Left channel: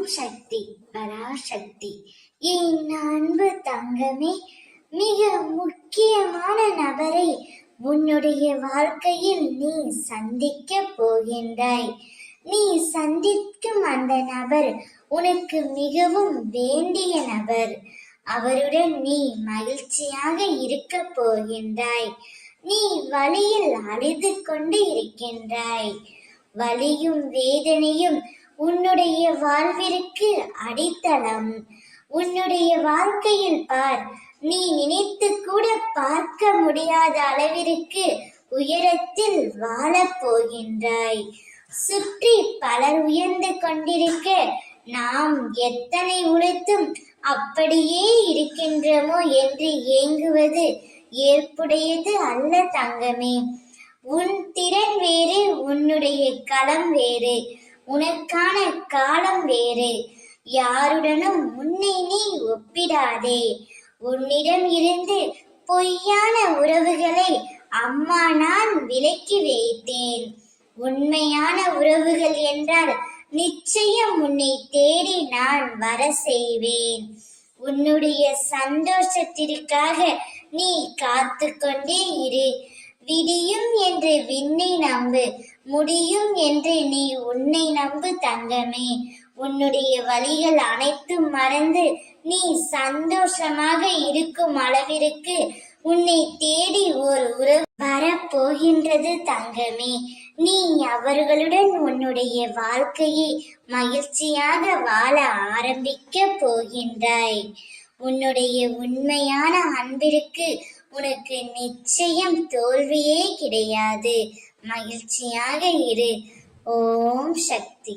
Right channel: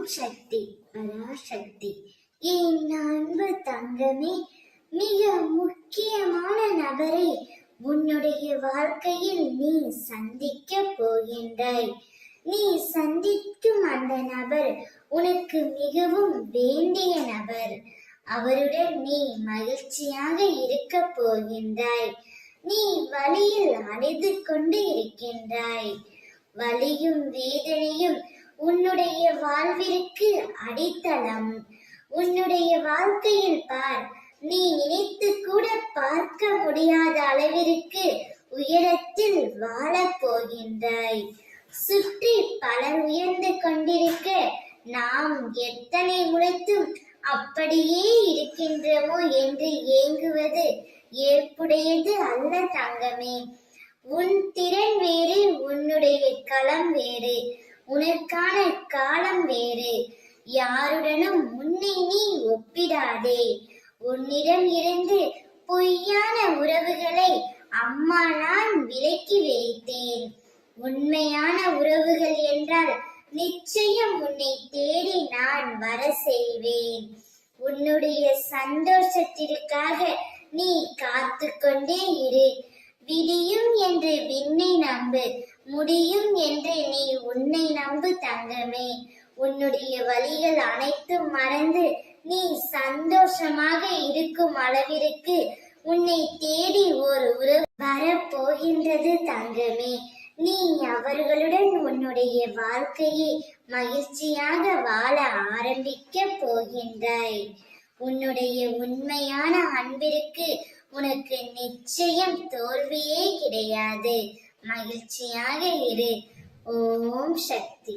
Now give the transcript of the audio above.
ஓம் சக்தி பராசக்தி. என் அன்பு தங்கமே, மிக முக்கியமான நபரை உன்னுடைய வாழ்க்கையில் நீ சந்திக்க போகின்றாய். நீ சந்திக்கும் அந்த நபர் உனக்கு மிகவும் வேண்டிய நபர். அவருடன் நீ மகிழ்ச்சியாக இருக்க போகின்றாய். நீ வழியில் அழுது கொண்டு இருக்கின்றாய். வலியும் வேதனையும் உன்னுடைய வாழ்விற்கு அடித்தளம். உன்னுடைய வாழ்க்கையில் பார், நீ நினைத்து கூட பார்க்க முடியாத அளவிற்கு உயரத்தில் வாழப் போகின்றாய். சுற்றி பலர் உயர்ந்து கொண்டிருக்க நாம் எத்தனை உழைத்தும் அப்படியே இருக்கின்றோமோ என்று ஏங்குவது ஏற்புடையது அல்ல தங்கமே. உன் திறன் வேறு, உன்னுடைய களம் வேறு, உனக்கான காலம் வேறு. யாருடனும் உன்னை நீ ஒப்பிடாதே. உன்னிடம் இருந்து பொய்யான உறவுகளை அம்மா நான் விலக்கி வைத்தேன். உண்மையான உறவுகள் என்றால் நிச்சயம் உன்னை தேடி நான் வர செய்வேன். உன்னுடைய சந்தோஷத்திற்காக நீ காத்து கொண்டே இரு. விடியும் என்று விண்ணை நம்பு, முடியும் என்று நீ உன்னை நம்பு தங்கமே. உன்னுடைய வழிகள் அனைத்தும் மறந்து நீ சந்தோஷமாக இருக்கும் அளவிற்கு உன்னை தேடி ஒரு உறவு வரப்போகின்றது தங்கமே. நீ அவர்களுடன் உன்னுடைய வாழ்க்கையை மகிழ்ச்சியாக வாழ ஆரம்பிக்க போகின்றாய். உன்னுடைய உண்மையான அன்பிற்கு உனக்கு நிச்சயம் தோல்வியே கிடையாது. மகிழ்ச்சியாக இரு. ஓம் சக்தி.